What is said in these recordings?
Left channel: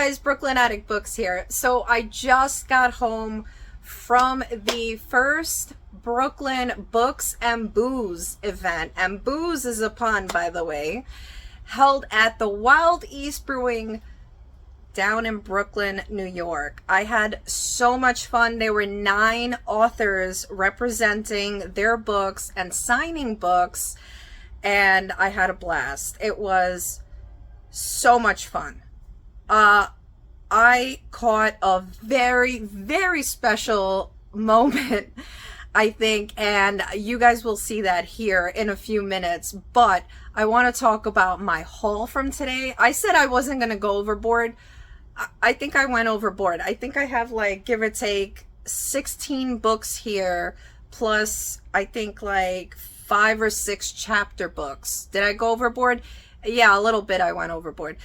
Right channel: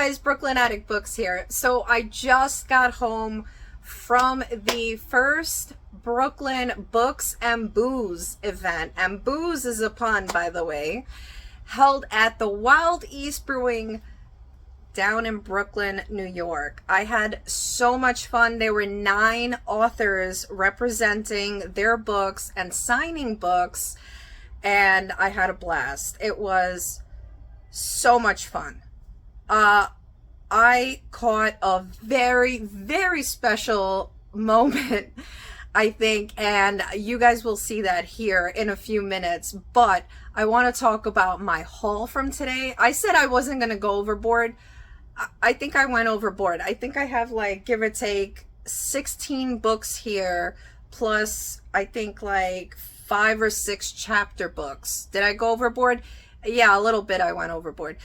guys, Brooklyn Attic Books here. So I just got home from the first Brooklyn Books and Booze event. And booze is a pun, by the way. Held at the Wild East Brewing down in Brooklyn, New York. I had so much fun. There were 9 authors representing their books and signing books, and I had a blast. It was so much fun. I caught a very, very special moment, I think, and you guys will see that here in a few minutes. But I want to talk about my haul from today. I said I wasn't going to go overboard. I think I went overboard. I think I have, like, give or take 16 books here, plus I think like 5 or 6 chapter books. Did I go overboard? Yeah, a little bit I went overboard.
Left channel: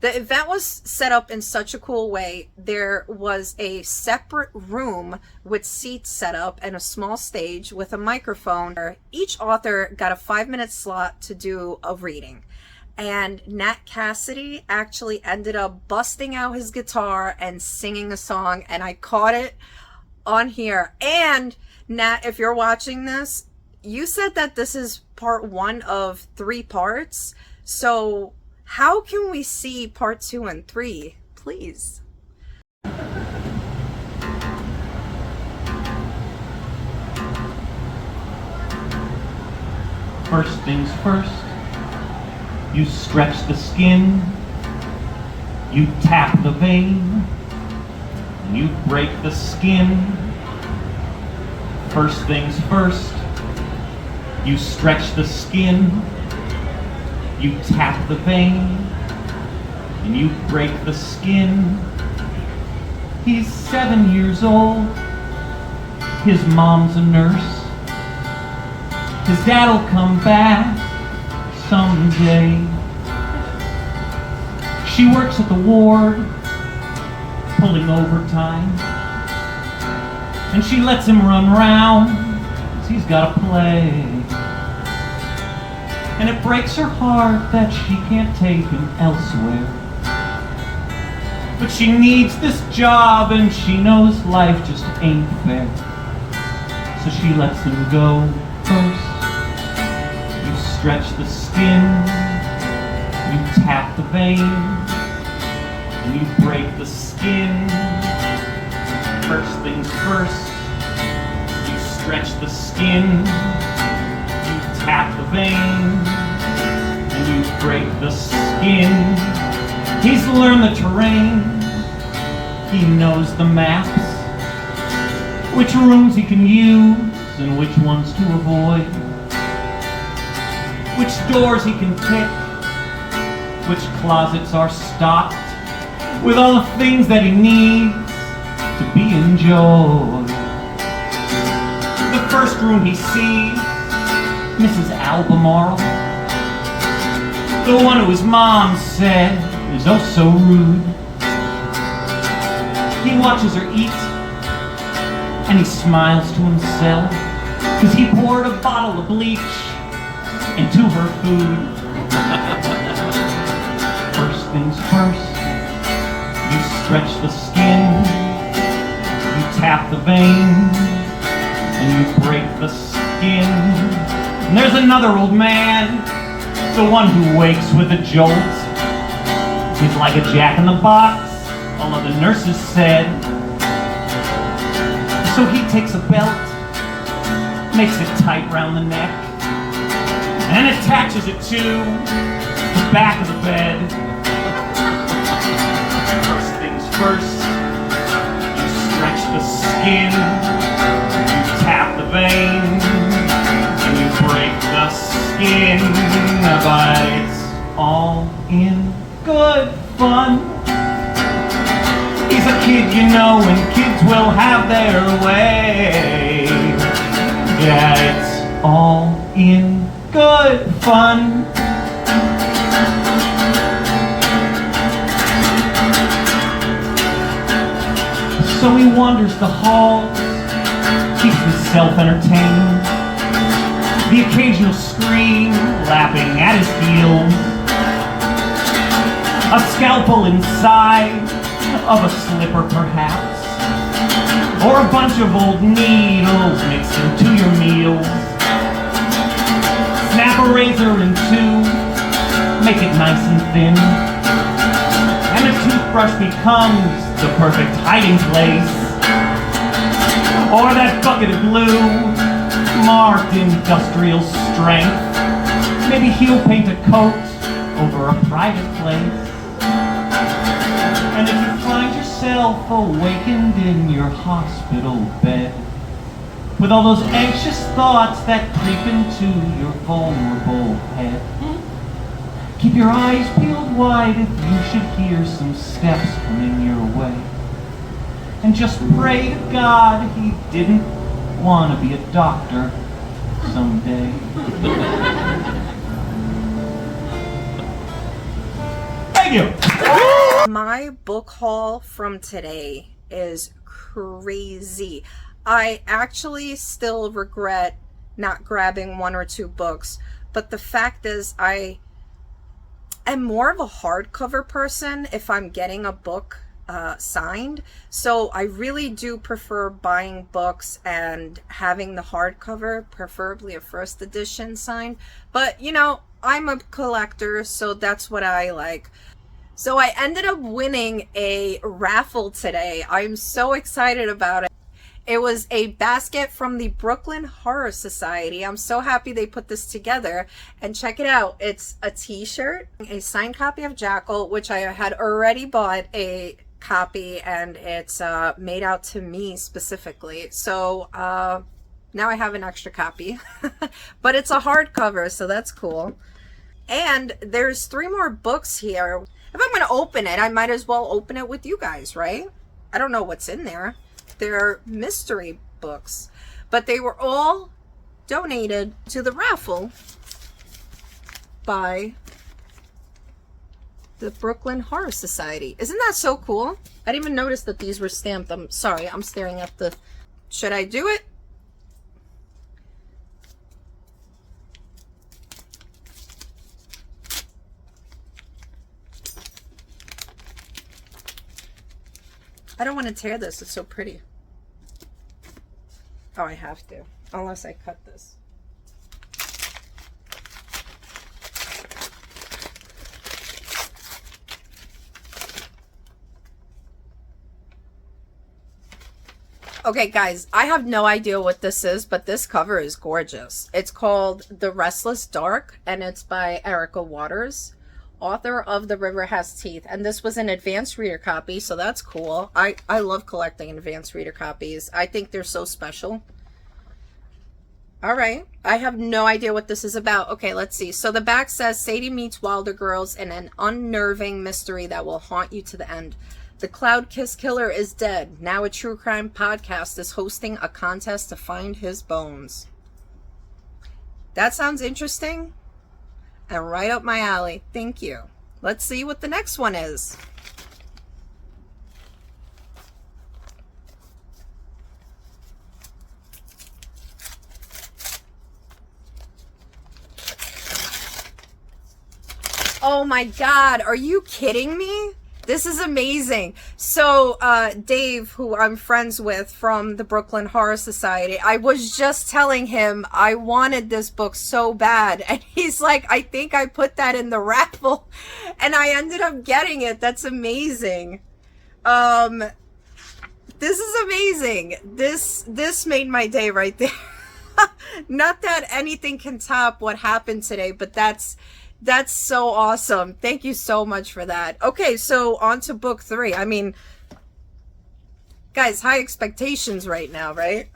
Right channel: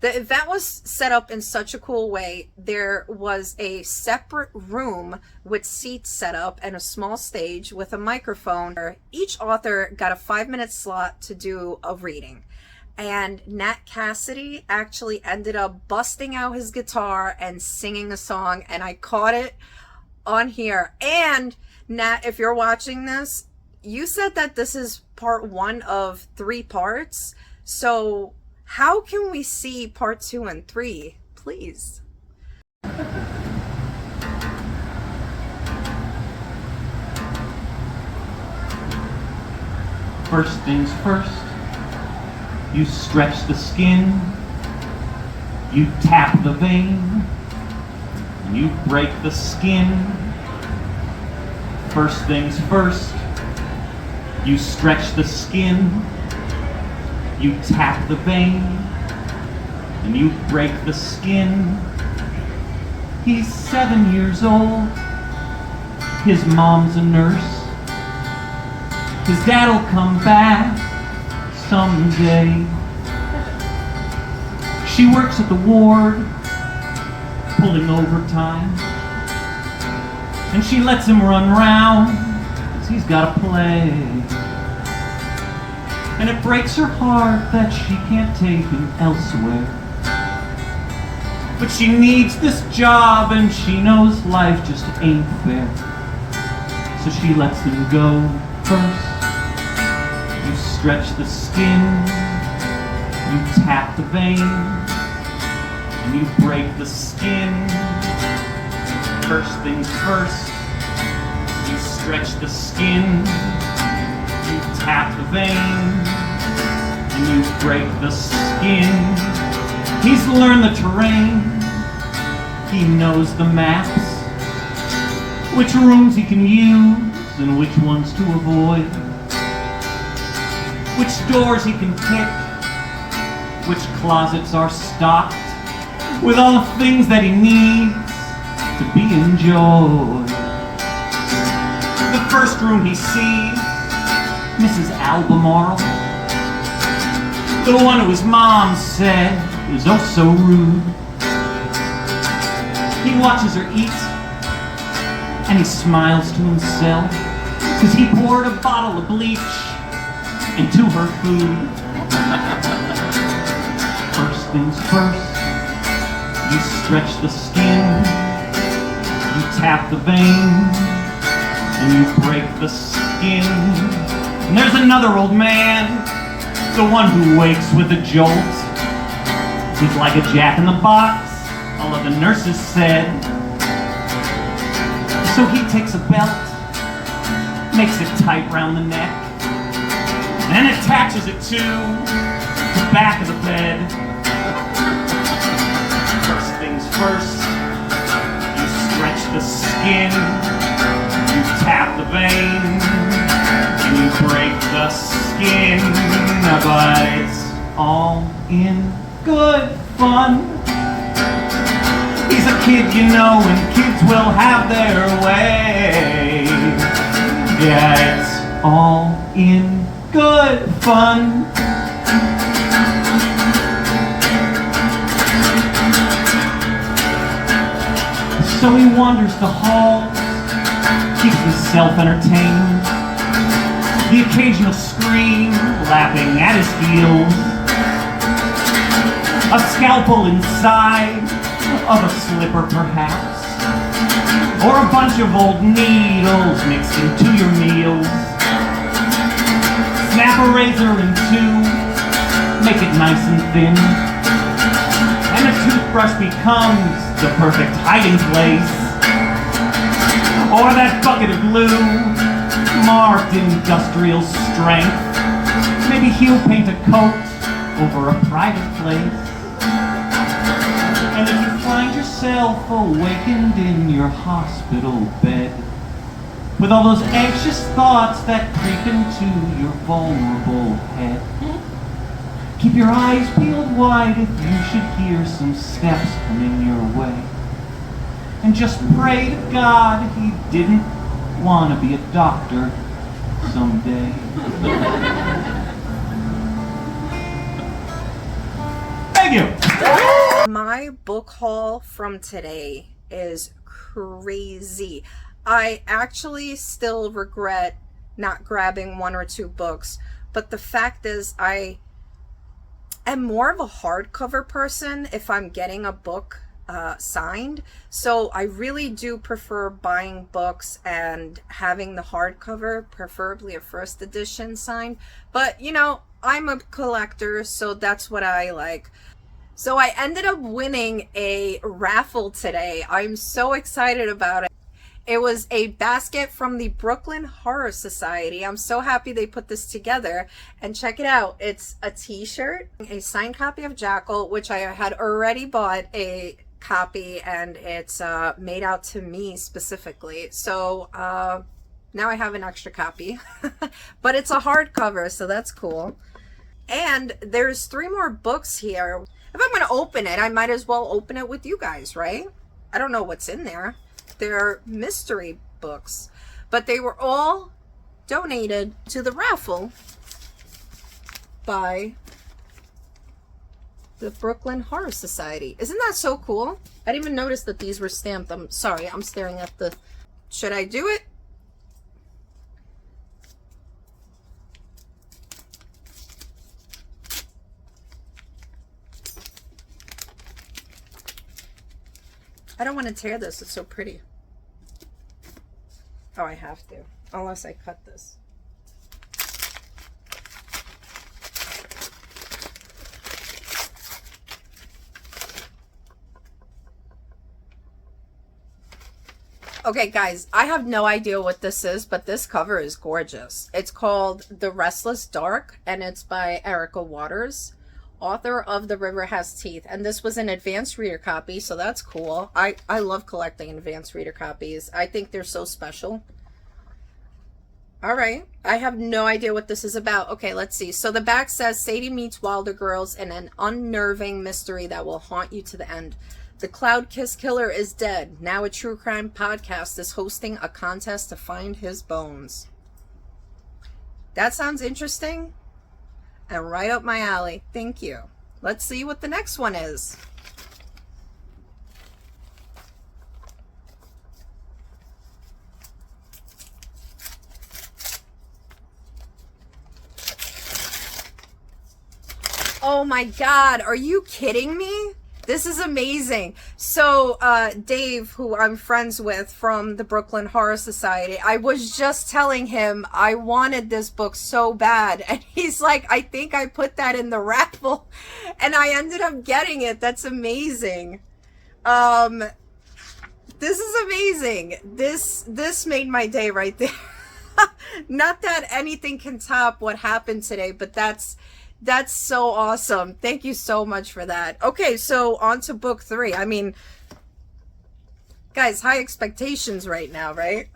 The event was set up in such a cool way. There was a separate room with seats set up and a small stage with a microphone. Each author got a 5-minute slot to do a reading. And Nat Cassidy actually ended up busting out his guitar and singing a song, and I caught it on here. And Nat, if you're watching this, you said that this is part 1 of 3 parts. So how can we see part 2 and 3, please? First things first, you stretch the skin, you tap the vein, and you break the skin. First things first, you stretch the skin, you tap the vein, and you break the skin. He's 7 years old, his mom's a nurse, his dad'll come back someday. She works at the ward, pulling overtime, and she lets him run round, 'cause he's gotta play. And it breaks her heart that she can't take him elsewhere. But she needs this job and she knows life just ain't fair. So she lets him go first. You stretch the skin, you tap the vein, and you break the skin. First things first, you stretch the skin, you tap the vein, and you break the skin. He's learned the terrain, he knows the maps, which rooms he can use and which ones to avoid, which doors he can pick, which closets are stocked with all the things that he needs to be enjoyed. The first room he sees, Mrs. Albemarle, the one who his mom said was oh so rude. He watches her eat, and he smiles to himself, 'cause he poured a bottle of bleach into her food. First things first, you stretch the skin, you tap the vein, and you break the skin. And there's another old man, the one who wakes with a jolt. He's like a jack-in-the-box, all of the nurses said. So he takes a belt, makes it tight round the neck, and attaches it to the back of the bed. First things first, you stretch the skin, you tap the vein, and you break the skin. But it's all in good fun. He's a kid, you know, and kids will have their way. Yeah, it's all in good fun. So he wanders the halls, keeps himself entertained. The occasional scream lapping at his heels. A scalpel inside of a slipper perhaps, or a bunch of old needles mixed into your meals. Snap a razor in two, make it nice and thin, and a toothbrush becomes the perfect hiding place. Or that bucket of glue, marked industrial strength. Maybe he'll paint a coat over a private place. And if you find yourself awakened in your hospital bed, with all those anxious thoughts that creep into your vulnerable head, keep your eyes peeled wide if you should hear some steps coming your way. And just pray to God he didn't want to be a doctor someday. Thank you. My book haul from today is crazy. I actually still regret not grabbing one or two books, but the fact is I am more of a hardcover person if I'm getting a book signed. So I really do prefer buying books and having the hardcover, preferably a first edition signed. But you know, I'm a collector, so that's what I like. So I ended up winning a raffle today. I'm so excited about it. It was a basket from the Brooklyn Horror Society. I'm so happy they put this together. And check it out. It's a t-shirt, a signed copy of Jackal, which I had already bought a copy, and it's made out to me specifically. So now I have an extra copy. But it's a hardcover, so that's cool. And there's 3 more books here. If I'm going to open it, I might as well open it with you guys, right? I don't know what's in there. They're mystery books, but they were all donated to the raffle by the Brooklyn Horror Society. Isn't that so cool? I didn't even notice that these were stamped. I'm sorry, I'm staring at the... Should I do it? I don't want to tear this. It's so pretty. Oh, I have to. Unless I cut this. Okay, guys, I have no idea what this is, but this cover is gorgeous. It's called The Restless Dark, and it's by Erica Waters, author of The River Has Teeth. And this was an advanced reader copy, so that's cool. I love collecting advanced reader copies. I think they're so special. All right, I have no idea what this is about. Okay, let's see. So the back says, Sadie meets Wilder girls in an unnerving mystery that will haunt you to the end. The Cloud Kiss Killer is dead. Now a true crime podcast is hosting a contest to find his bones. That sounds interesting and right up my alley. Thank you. Let's see what the next one is. Oh my God, are you kidding me? This is amazing. So Dave, who I'm friends with from the Brooklyn Horror Society, I was just telling him I wanted this book so bad. And he's like, I think I put that in the raffle. And I ended up getting it. That's amazing. This is amazing. This made my day right there. Not that anything can top what happened today, but that's so awesome. Thank you so much for that. Okay, so on to book 3. I mean, guys, high expectations right now, right?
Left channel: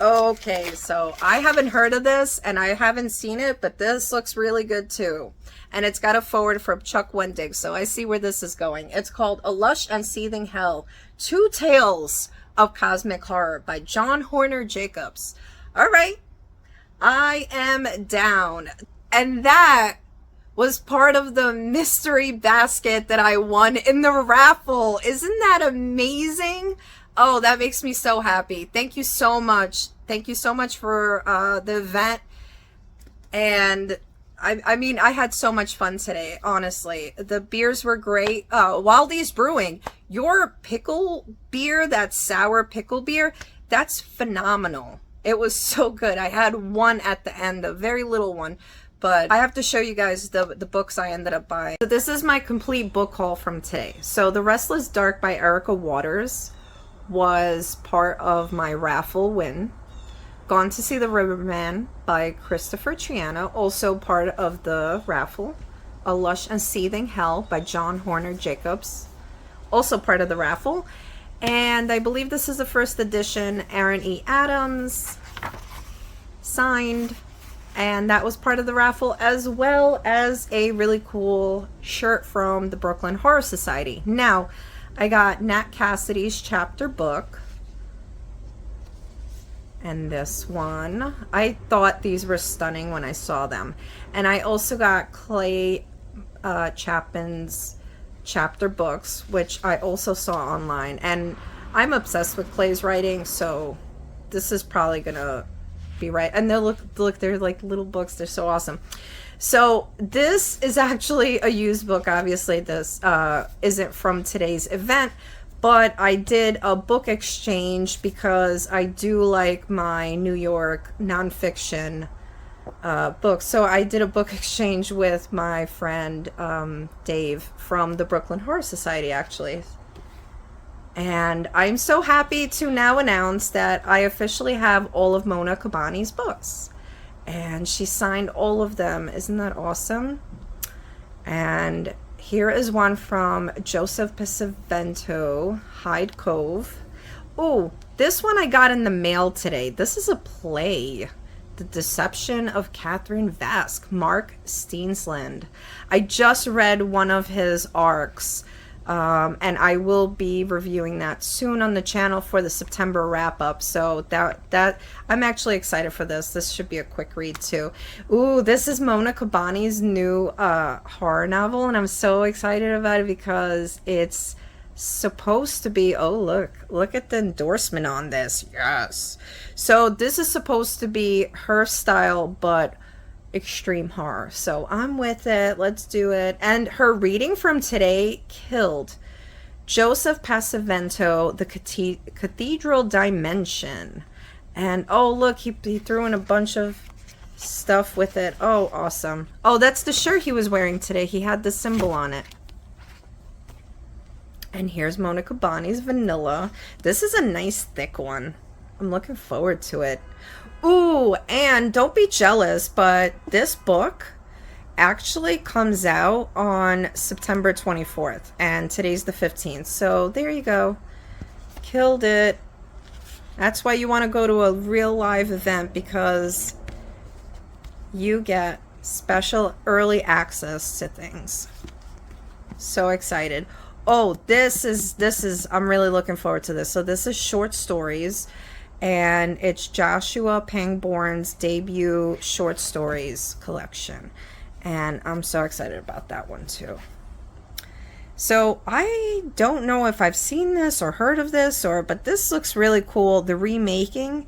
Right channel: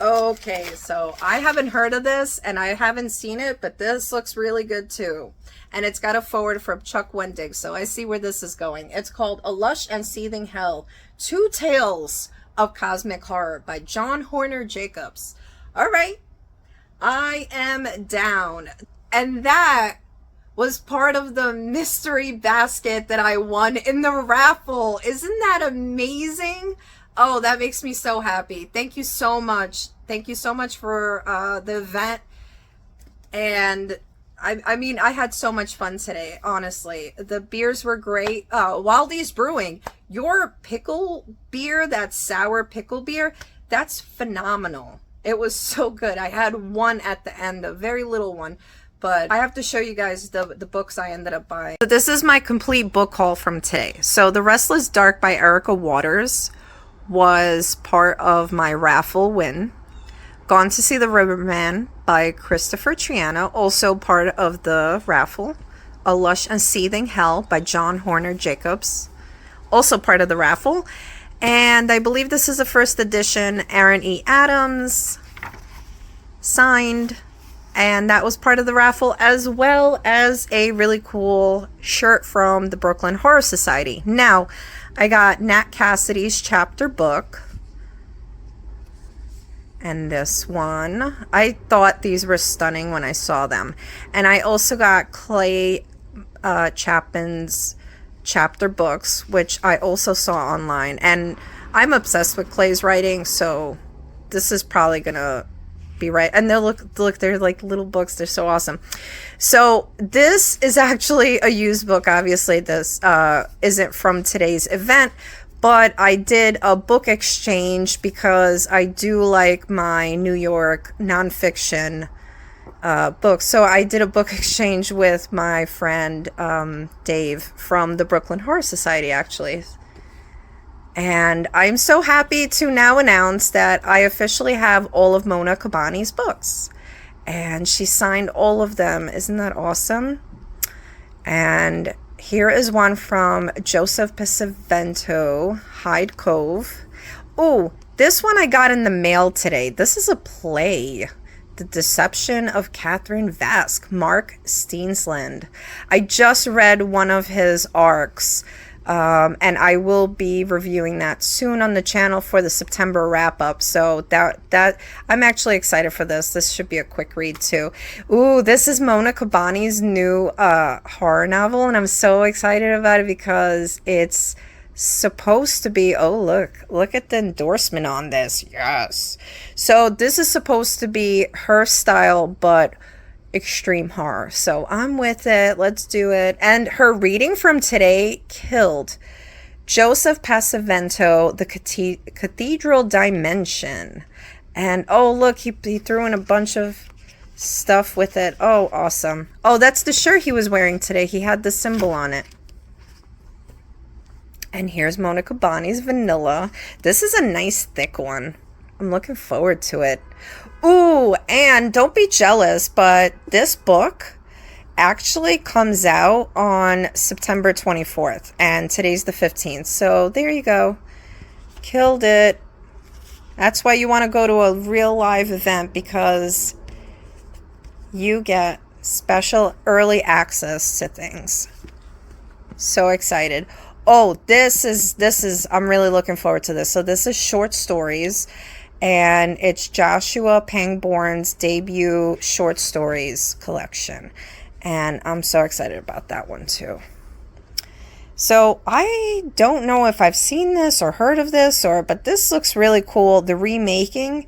Okay, so I haven't heard of this and I haven't seen it, but this looks really good too. And it's got a forward from Chuck Wendig, so I see where this is going. It's called A Lush and Seething Hell, 2 Tales of Cosmic Horror by John Horner Jacobs. All right, I am down. And that was part of the mystery basket that I won in the raffle. Isn't that amazing? Oh, that makes me so happy. Thank you so much. Thank you so much for the event. And I mean, I had so much fun today, honestly. The beers were great. Wildy's Brewing, your pickle beer, that sour pickle beer, that's phenomenal. It was so good. I had one at the end, a very little one. But I have to show you guys the books I ended up buying. So this is my complete book haul from today. So The Restless Dark by Erica Waters was part of my raffle win. Gone to See the Riverman by Christopher Triana, also part of the raffle. A Lush and Seething Hell by John Horner Jacobs, also part of the raffle. And I believe this is the first edition, Aaron E. Adams, signed. And that was part of the raffle, as well as a really cool shirt from the Brooklyn Horror Society. Now, I got Nat Cassidy's chapter book. And this one, I thought these were stunning when I saw them. And I also got Clay Chapman's chapter books, which I also saw online. And I'm obsessed with Clay's writing, so this is probably gonna be right. And they'll look, they're like little books. They're so awesome. So this is actually a used book. Obviously, this isn't from today's event. But I did a book exchange because I do like my New York nonfiction books. So I did a book exchange with my friend Dave from the Brooklyn Horror Society, actually. And I'm so happy to now announce that I officially have all of Mona Kabani's books. And she signed all of them. Isn't that awesome? And here is one from Joseph Pesavento, Hyde Cove. Oh, this one I got in the mail today. This is a play. The Deception of Catherine Vask, Mark Steensland. I just read one of his arcs, and I will be reviewing that soon on the channel for the September wrap-up. So that I'm actually excited for this. This should be a quick read too. Ooh, this is Mona Kabani's new horror novel, and I'm so excited about it because it's supposed to be, oh look at the endorsement on this. Yes. So this is supposed to be her style, but extreme horror. So I'm with it. Let's do it. And her reading from today killed. Joseph Pasavento, The Cathedral Dimension. And oh look, he threw in a bunch of stuff with it. Oh, awesome. Oh, that's the shirt he was wearing today. He had the symbol on it. And here's Mona Kabani's Vanilla. This is a nice thick one. I'm looking forward to it. Ooh, and don't be jealous, but this book actually comes out on September 24th, and today's the 15th. So there you go. Killed it. That's why you want to go to a real live event, because you get special early access to things. So excited. Oh, this is I'm really looking forward to this. So this is short stories, and it's Joshua Pangborn's debut short stories collection. And I'm so excited about that one too. So I don't know if I've seen this or heard of this, but this looks really cool. The Remaking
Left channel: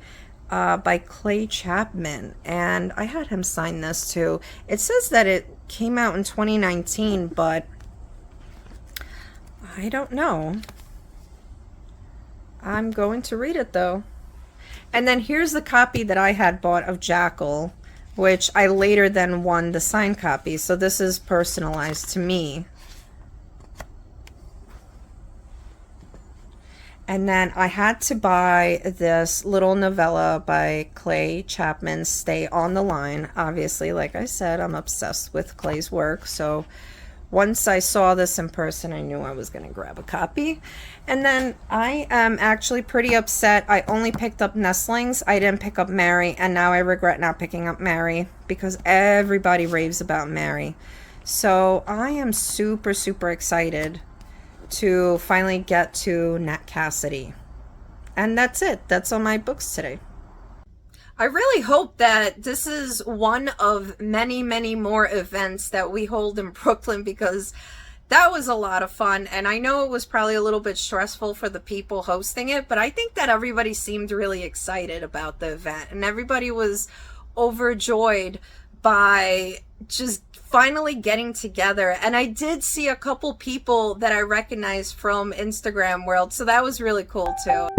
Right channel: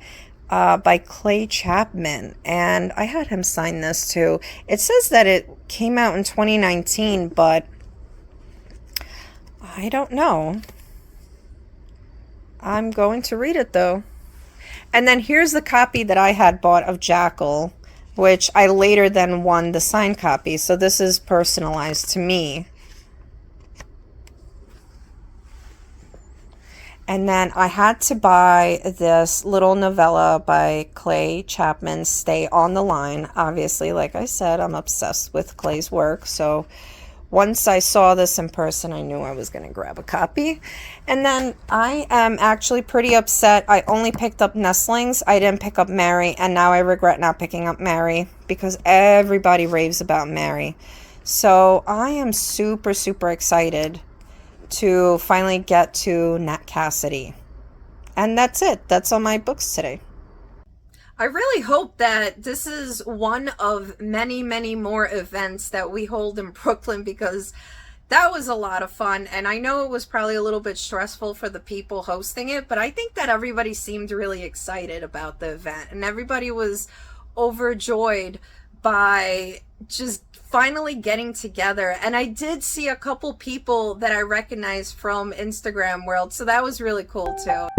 by Clay Chapman. And I had him sign this too. It says that it came out in 2019, but I don't know. I'm going to read it though. And then here's the copy that I had bought of Jackal, which I later then won the signed copy. So this is personalized to me. And then I had to buy this little novella by Clay Chapman, Stay on the Line. Obviously, like I said, I'm obsessed with Clay's work. So once I saw this in person, I knew I was going to grab a copy. And then I am actually pretty upset. I only picked up Nestlings. I didn't pick up Mary. And now I regret not picking up Mary because everybody raves about Mary. So I am super, super excited to finally get to Nat Cassidy. And that's it. That's all my books today. I really hope that this is one of many, many more events that we hold in Brooklyn, because that was a lot of fun. And I know it was probably a little bit stressful for the people hosting it, but I think that everybody seemed really excited about the event, and everybody was overjoyed by just finally getting together. And I did see a couple people that I recognized from Instagram world, so that was really cool too.